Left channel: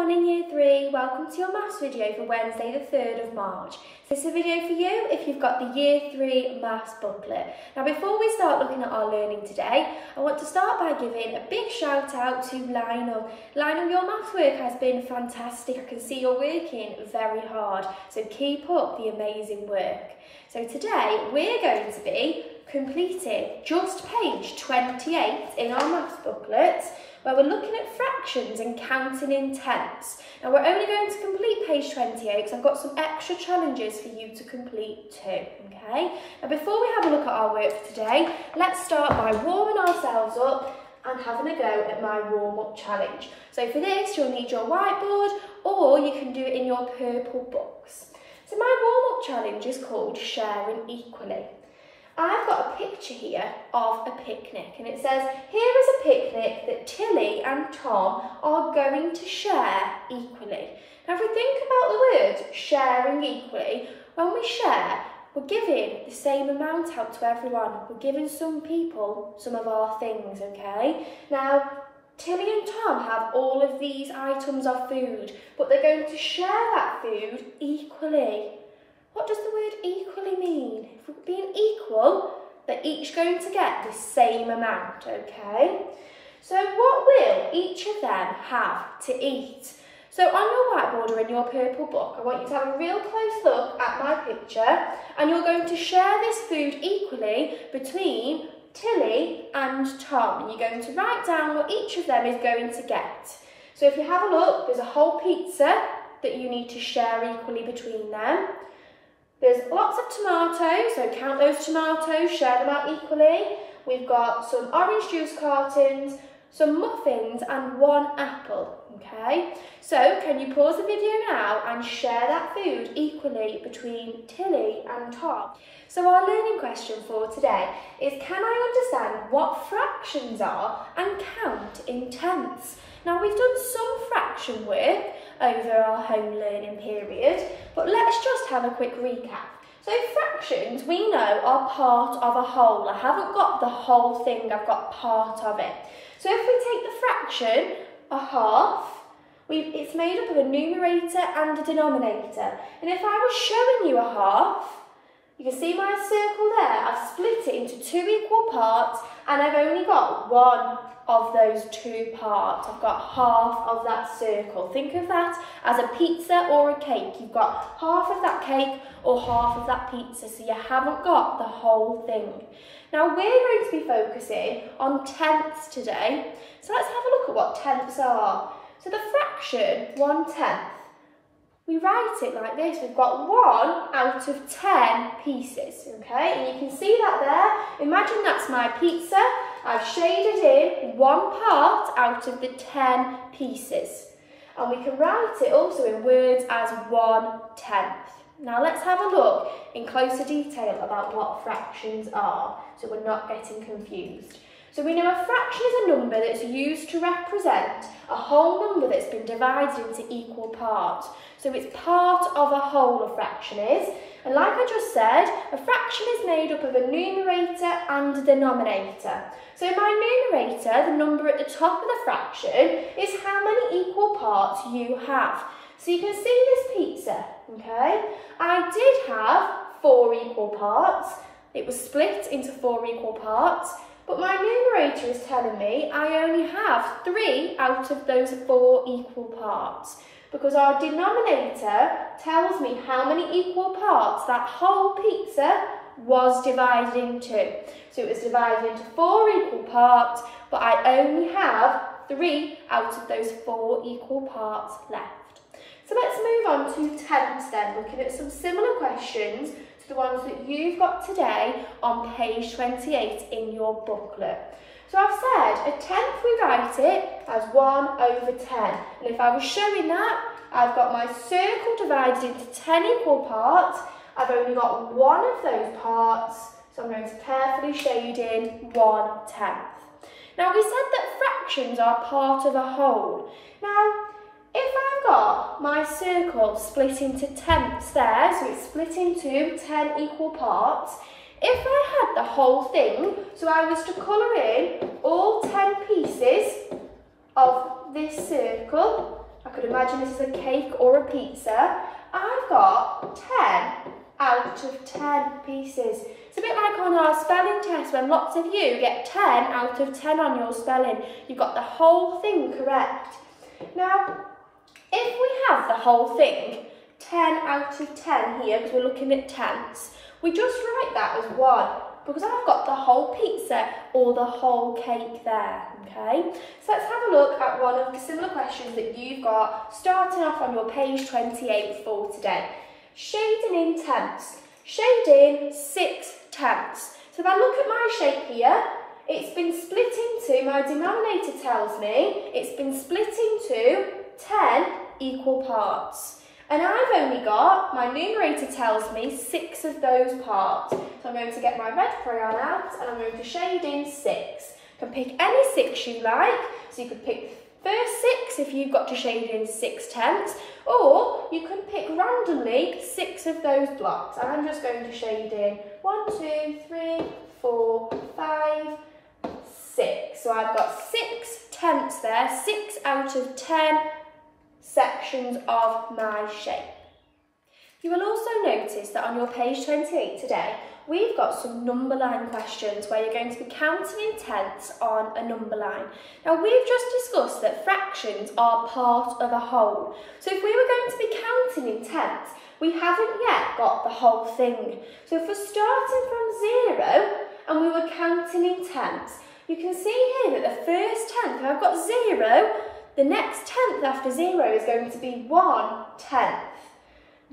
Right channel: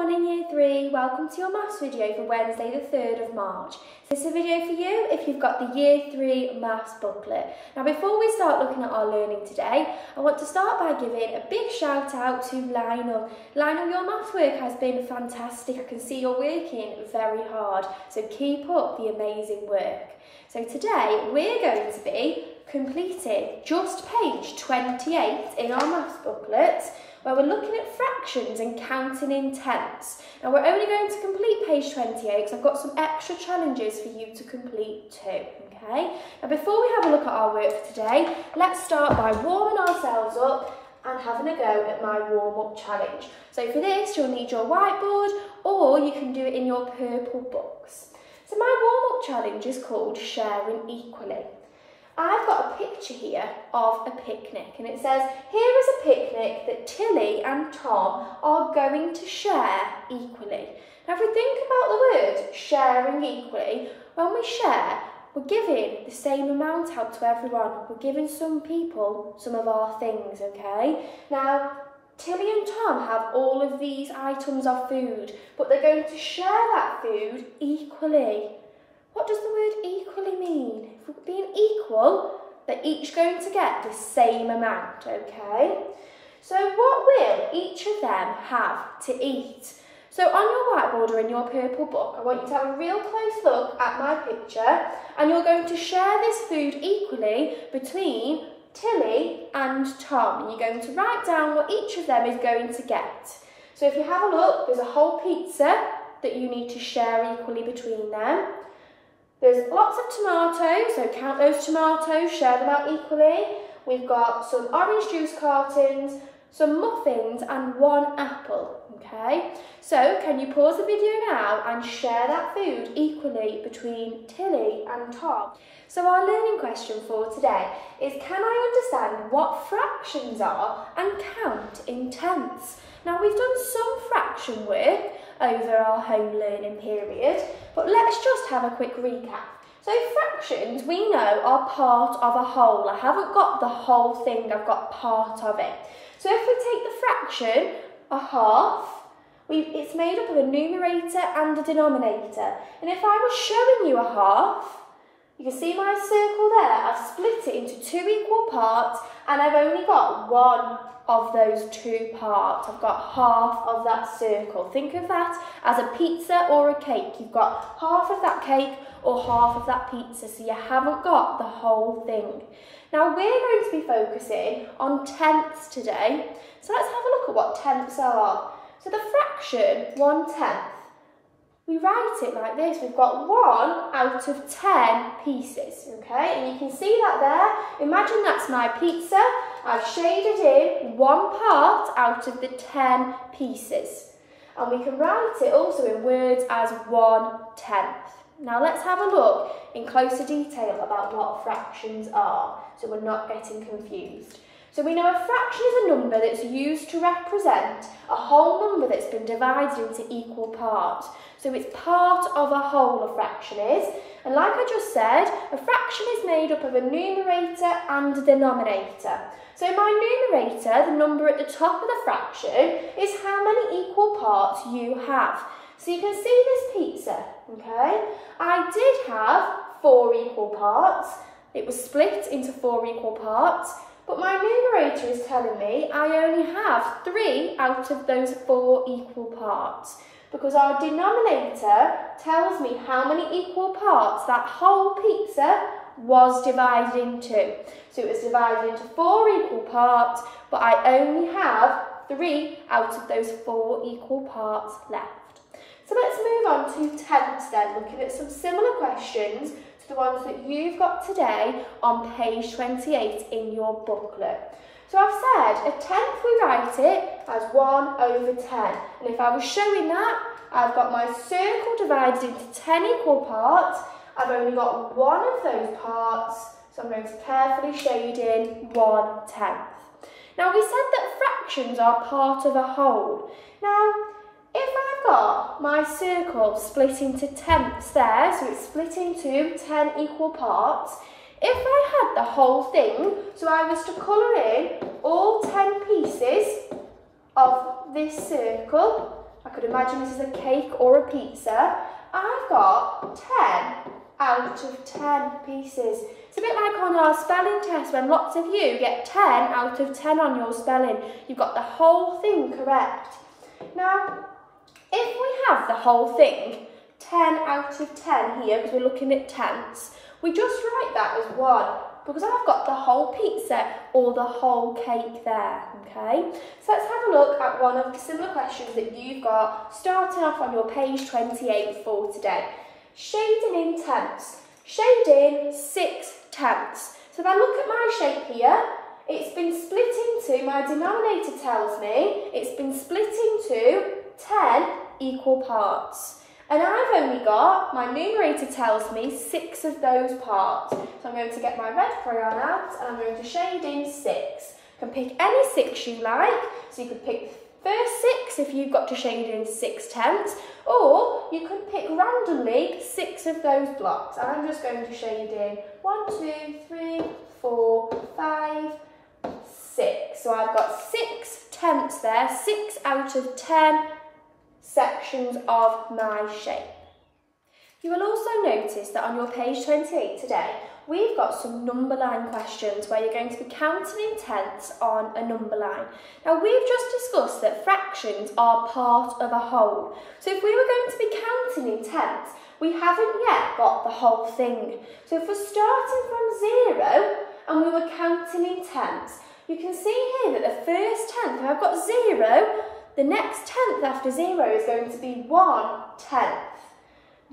morning Year 3, welcome to your maths video for Wednesday the 3rd of March. This is a video for you if you've got the Year 3 maths booklet. Now before we start looking at our learning today, I want to start by giving a big shout out to Lionel. Lionel, your maths work has been fantastic. I can see you're working very hard, so keep up the amazing work. So today we're going to be completing just page 28 in our maths booklet, where we're looking at fractions and counting in tenths. Now we're only going to complete page 28 because I've got some extra challenges for you to complete too, okay? Now before we have a look at our work for today, let's start by warming ourselves up and having a go at my warm-up challenge. So for this, you'll need your whiteboard, or you can do it in your purple books. So my warm-up challenge is called Sharing Equally. I've got a picture here of a picnic, and it says, here is a picnic that Tilly and Tom are going to share equally. Now if we think about the word sharing equally, when we share, we're giving the same amount out to everyone. We're giving some people some of our things, okay? Now, Tilly and Tom have all of these items of food, but they're going to share that food equally. What does the word equally mean? If we're being equal, they're each going to get the same amount, okay? So what will each of them have to eat? So on your whiteboard or in your purple book, I want you to have a real close look at my picture, and you're going to share this food equally between Tilly and Tom, and you're going to write down what each of them is going to get. So if you have a look, there's a whole pizza that you need to share equally between them. There's lots of tomatoes, so count those tomatoes, share them out equally. We've got some orange juice cartons, some muffins and one apple, okay? So can you pause the video now and share that food equally between Tilly and Tom? So our learning question for today is, can I understand what fractions are and count in tenths? Now we've done some fraction work over our home learning period, but let's just have a quick recap. So fractions, we know, are part of a whole. I haven't got the whole thing, I've got part of it. So if we take the fraction, a half, it's made up of a numerator and a denominator. And if I was showing you a half, you can see my circle there, I've split it into two equal parts, and I've only got one of those two parts. I've got half of that circle. Think of that as a pizza or a cake. You've got half of that cake or half of that pizza, so you haven't got the whole thing. Now we're going to be focusing on tenths today, so let's have a look at what tenths are. So the fraction 1/10, we write it like this. We've got 1 out of 10 pieces, okay? And you can see that there. Imagine that's my pizza. I've shaded in one part out of the 10 pieces. And we can write it also in words as 1/10. Now let's have a look in closer detail about what fractions are, so we're not getting confused. So we know a fraction is a number that's used to represent a whole number that's been divided into equal parts. So it's part of a whole, a fraction is. And like I just said, a fraction is made up of a numerator and a denominator. So my numerator, the number at the top of the fraction, is how many equal parts you have. So you can see this pizza, okay? I did have 4 equal parts. It was split into 4 equal parts. But my numerator is telling me I only have 3 out of those 4 equal parts, because our denominator tells me how many equal parts that whole pizza was divided into. So it was divided into 4 equal parts, but I only have 3 out of those 4 equal parts left. So let's move on to tenths then, looking at some similar questions to the ones that you've got today on page 28 in your booklet. So I've said a tenth, we write it as 1/10. And if I was showing that, I've got my circle divided into 10 equal parts. I've only got one of those parts, so I'm going to carefully shade in 1/10. Now we said that fractions are part of a whole. Now, if I've got my circle split into tenths there, so it's split into 10 equal parts, if I had the whole thing, so I was to colour in all 10 pieces of this circle, I could imagine this is a cake or a pizza. I've got 10 out of 10 pieces. It's a bit like on our spelling test when lots of you get 10 out of 10 on your spelling. You've got the whole thing correct. Now, if we have the whole thing, 10 out of 10 here, because we're looking at tenths, we just write that as 1, because I've got the whole pizza or the whole cake there, okay? So let's have a look at one of the similar questions that you've got starting off on your page 28 for today. Shading in tenths. Shade in 6 tenths. So if I look at my shape here, it's been split into, my denominator tells me, it's been split into 10 equal parts. And I've only got, my numerator tells me, 6 of those parts. So I'm going to get my red crayon out and I'm going to shade in 6. You can pick any 6 you like. So you could pick the first 6 if you've got to shade in 6 tenths. Or you can pick randomly 6 of those blocks. I'm just going to shade in 1, 2, 3, 4, 5, 6. So I've got 6 tenths there, 6 out of 10 sections of my shape. You will also notice that on your page 28 today, we've got some number line questions where you're going to be counting in tenths on a number line. Now we've just discussed that fractions are part of a whole. So if we were going to be counting in tenths, we haven't yet got the whole thing. So if we're starting from 0 and we were counting in tenths, you can see here that the first tenth, I've got 0, the next tenth after 0 is going to be 1 tenth.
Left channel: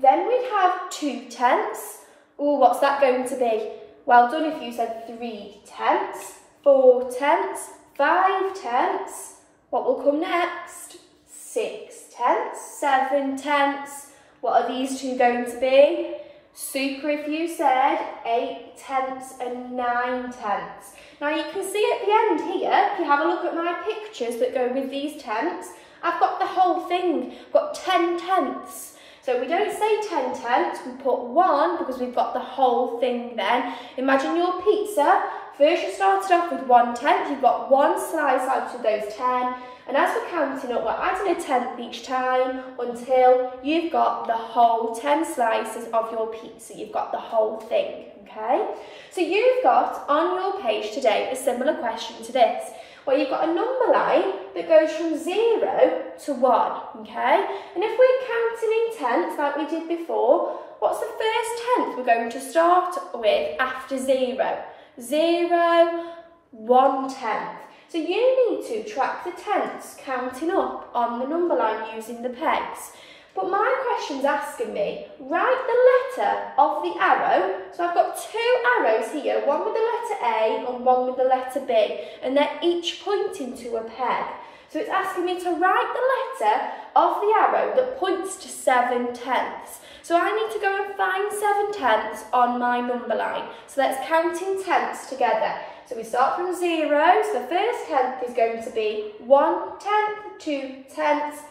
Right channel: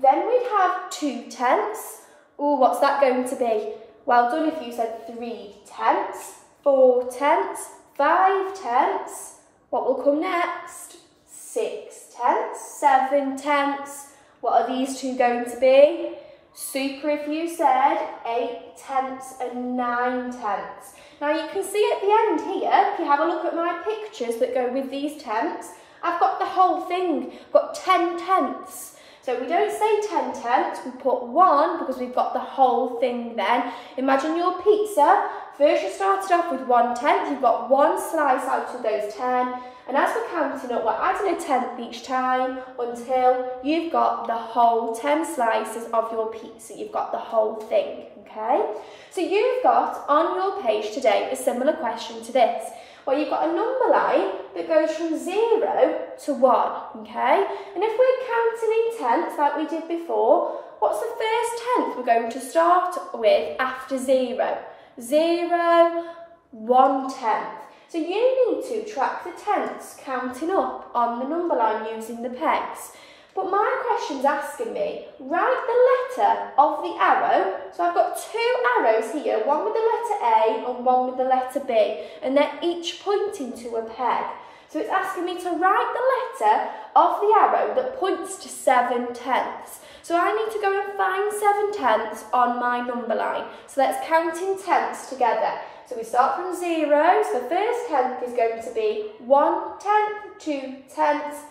Then we'd have 2 tenths. Oh, what's that going to be? Well done if you said 3 tenths, 4 tenths, 5 tenths. What will come next? 6 tenths, 7 tenths. What are these two going to be? Super if you said 8 tenths and 9 tenths. Now you can see at the end here, if you have a look at my pictures that go with these tenths, I've got the whole thing. I've got 10 tenths. So we don't say 10 tenths, we put 1 because we've got the whole thing then. Imagine your pizza. First you started off with 1 tenth, you've got 1 slice out of those 10. And as we're counting up, we're adding a tenth each time until you've got the whole 10 slices of your pizza. You've got the whole thing, okay? So you've got on your page today a similar question to this, where you've got a number line that goes from 0 to 1, okay? And if we're counting in tenths like we did before, what's the first tenth we're going to start with after 0? 0, 1 tenth. So you need to track the tenths counting up on the number line using the pegs. But my question's asking me, write the letter of the arrow. So I've got 2 arrows here, one with the letter A and one with the letter B, and they're each pointing to a peg. So it's asking me to write the letter of the arrow that points to 7 tenths. So I need to go and find 7 tenths on my number line. So let's count in tenths together. So we start from 0, so the first tenth is going to be 1 tenth, 2 tenths,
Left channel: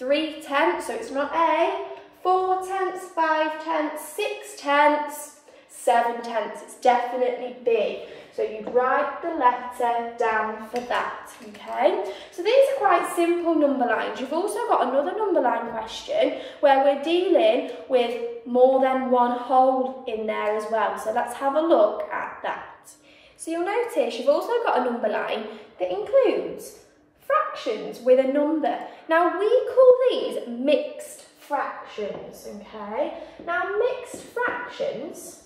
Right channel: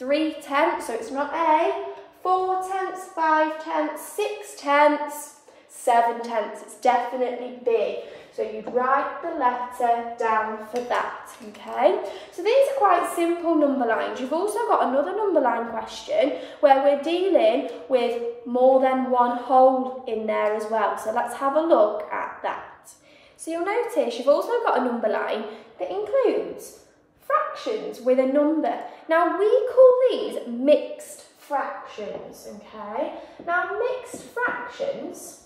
3 tenths, so it's not A, 4 tenths, 5 tenths, 6 tenths, 7 tenths, it's definitely B. So you'd write the letter down for that, okay? So these are quite simple number lines. You've also got another number line question where we're dealing with more than one whole in there as well. So let's have a look at that. So you'll notice you've also got a number line that includes fractions with a number. Now we call these mixed fractions, okay? Now mixed fractions,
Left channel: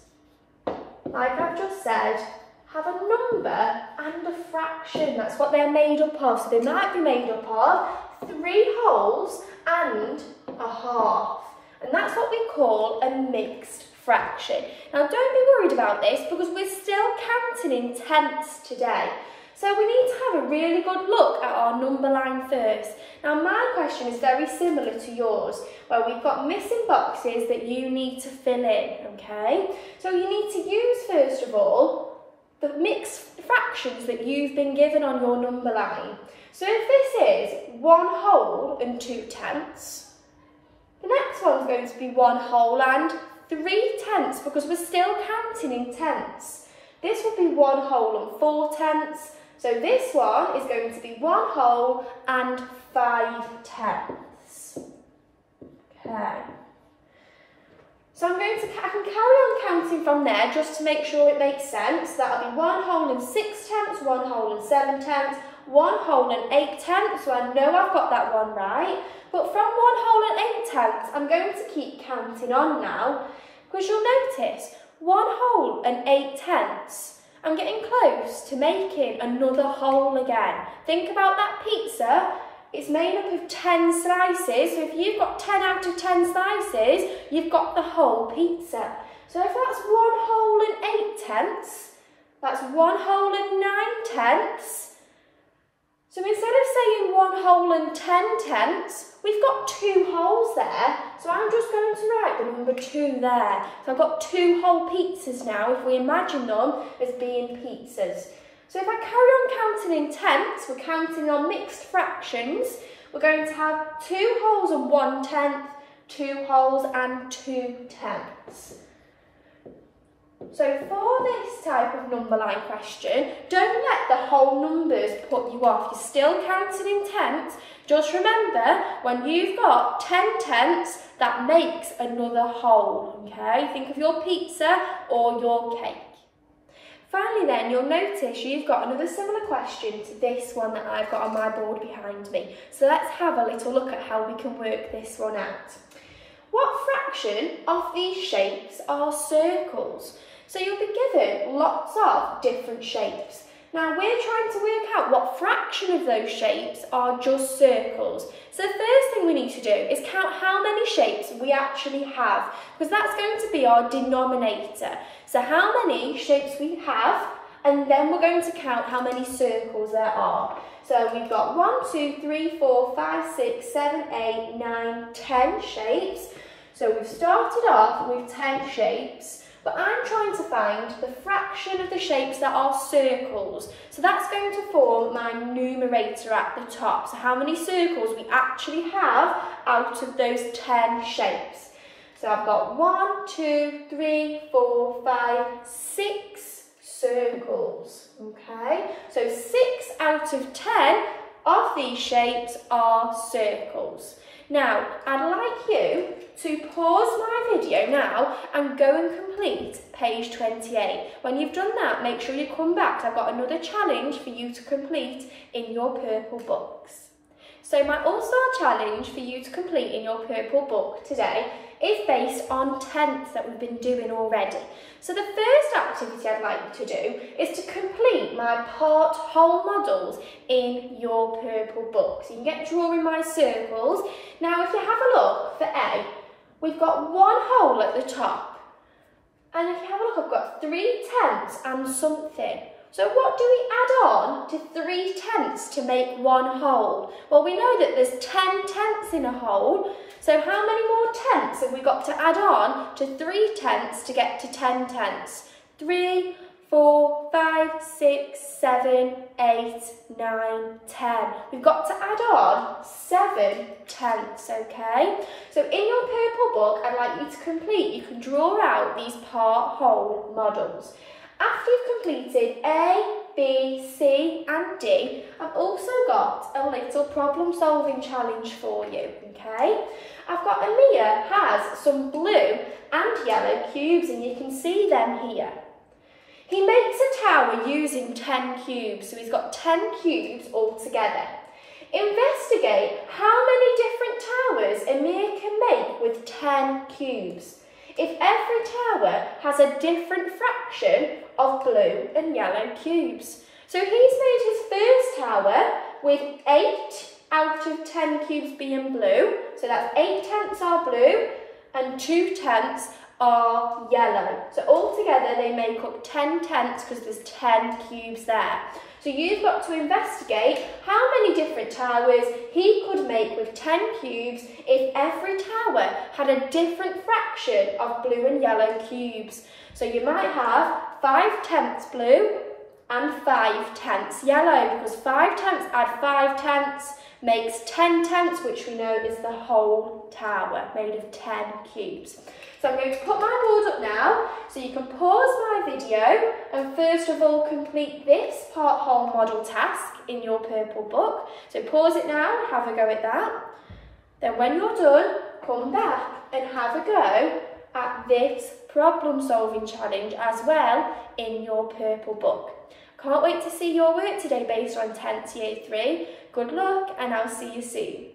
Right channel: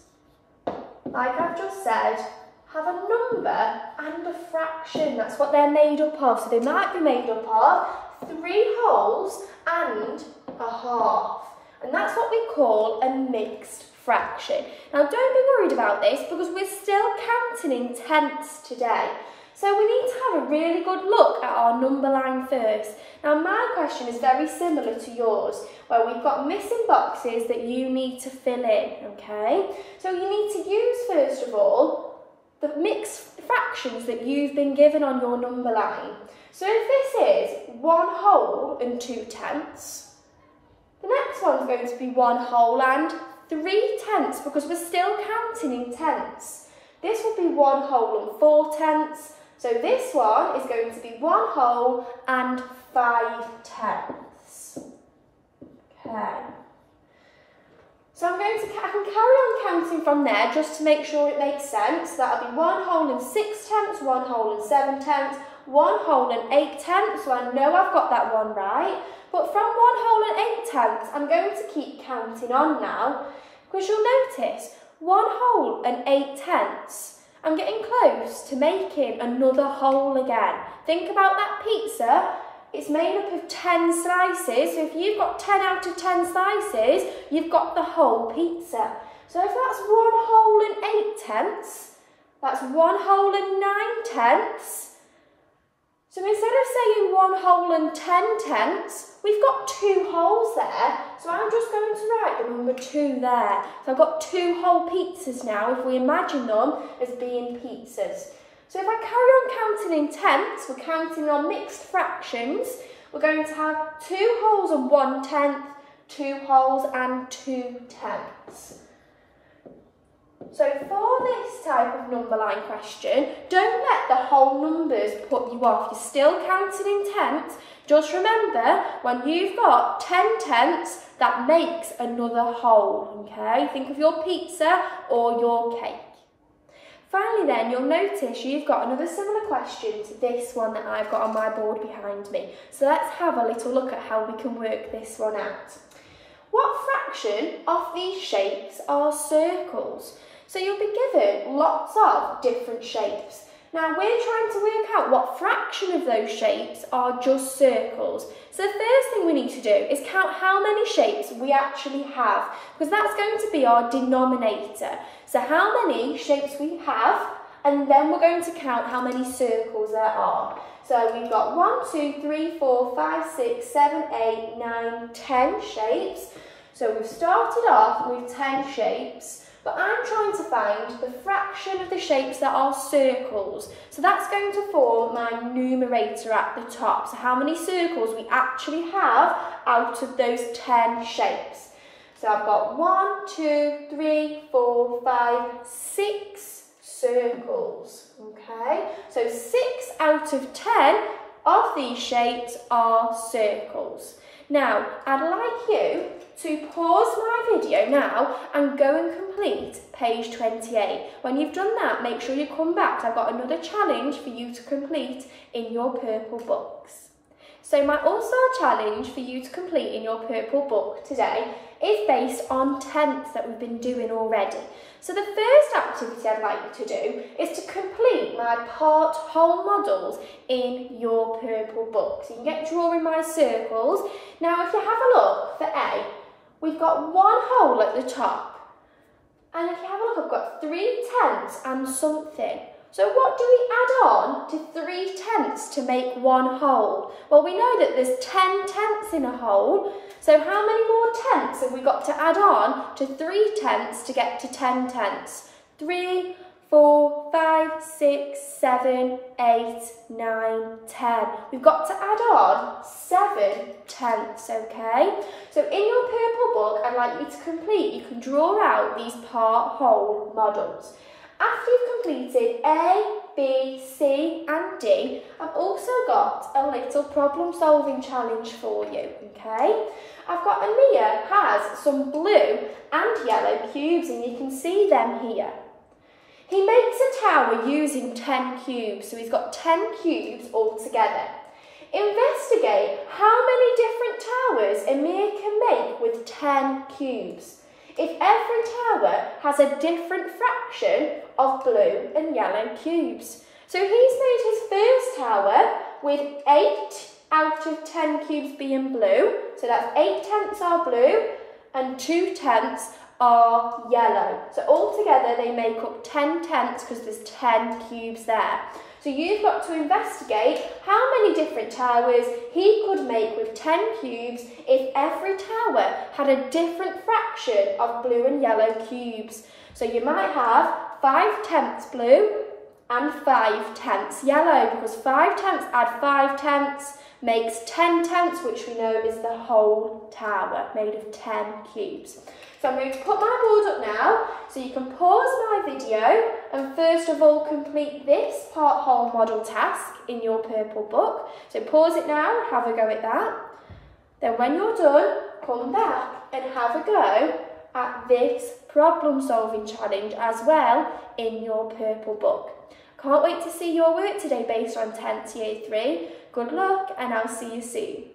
like I've just said, have a number and a fraction. That's what they're made up of. So they might be made up of 3 wholes and a half. And that's what we call a mixed fraction. Now don't be worried about this because we're still counting in tenths today. So we need to have a really good look at our number line first. Now my question is very similar to yours, where we've got missing boxes that you need to fill in, okay? So you need to use, first of all, the mixed fractions that you've been given on your number line. So if this is 1 whole and 2 tenths, the next one's going to be 1 whole and 3 tenths because we're still counting in tenths. This will be 1 whole and 4 tenths. So this one is going to be 1 whole and 5 tenths. I can carry on counting from there just to make sure it makes sense. That'll be 1 whole and 6 tenths, 1 whole and 7 tenths, 1 whole and 8 tenths, so I know I've got that one right. But from 1 whole and 8 tenths, I'm going to keep counting on now, because you'll notice 1 whole and 8 tenths, I'm getting close to making another whole again. Think about that pizza. It's made up of 10 slices, so if you've got 10 out of 10 slices, you've got the whole pizza. So if that's 1 whole and 8 tenths, that's 1 whole and 9 tenths. So instead of saying 1 whole and 10 tenths, we've got 2 wholes there. So I'm just going to write the number 2 there. So I've got 2 whole pizzas now, if we imagine them as being pizzas. So if I carry on counting in tenths, we're counting on mixed fractions. We're going to have 2 wholes and 1 tenth, 2 wholes and 2 tenths. So for this type of number line question, don't let the whole numbers put you off. You're still counting in tenths. Just remember, when you've got 10 tenths, that makes another whole, okay? Think of your pizza or your cake. Finally then, you'll notice you've got another similar question to this one that I've got on my board behind me. So let's have a little look at how we can work this one out. What fraction of these shapes are circles? So you'll be given lots of different shapes. Now we're trying to work out what fraction of those shapes are just circles. So the first thing we need to do is count how many shapes we actually have, because that's going to be our denominator. So how many shapes we have, and then we're going to count how many circles there are. So we've got 1, 2, 3, 4, 5, 6, 7, 8, 9, 10 shapes. So we've started off with 10 shapes. But I'm trying to find the fraction of the shapes that are circles. So that's going to form my numerator at the top. So how many circles we actually have out of those 10 shapes. So I've got 1, 2, 3, 4, 5, 6 circles. Okay, so 6 out of 10 of these shapes are circles. Now, I'd like you to pause my video now and go and complete page 28. When you've done that, make sure you come back. I've got another challenge for you to complete in your purple books. So my AllStar challenge for you to complete in your purple book today is based on tenths that we've been doing already. So the first activity I'd like you to do is to complete my part whole models in your purple book. So you can get drawing my circles. Now if you have a look for A, we've got 1 whole at the top. And if you have a look, I've got 3 tenths and something. So what do we add on to 3 tenths to make 1 whole? Well, we know that there's 10 tenths in a whole. So how many more tenths have we got to add on to 3 tenths to get to 10 tenths? 3, 4, 5, 6, 7, 8, 9, 10. We've got to add on 7 tenths, okay? So in your purple book, I'd like you to complete, you can draw out these part whole models. After you've completed A, B, C and D, I've also got a little problem solving challenge for you, okay? I've got Amir has some blue and yellow cubes and you can see them here. He makes a tower using 10 cubes, so he's got 10 cubes all together. Investigate how many different towers Amir can make with 10 cubes. If every tower has a different fraction of blue and yellow cubes. So he's made his first tower with 8 out of 10 cubes being blue. So that's 8 tenths are blue and 2 tenths are yellow. So altogether they make up 10 tenths because there's 10 cubes there. So you've got to investigate how many different towers he could make with 10 cubes if every tower had a different fraction of blue and yellow cubes. So you might have 5 tenths blue and 5 tenths yellow, because 5 tenths add 5 tenths makes 10 tenths, which we know is the whole tower made of 10 cubes. So I'm going to put my board up now, so you can pause my video and first of all complete this part whole model task in your purple book. So pause it now, have a go at that. Then when you're done, come back and have a go at this problem solving challenge as well in your purple book. Can't wait to see your work today based on 10th Year 3. Good luck and I'll see you soon.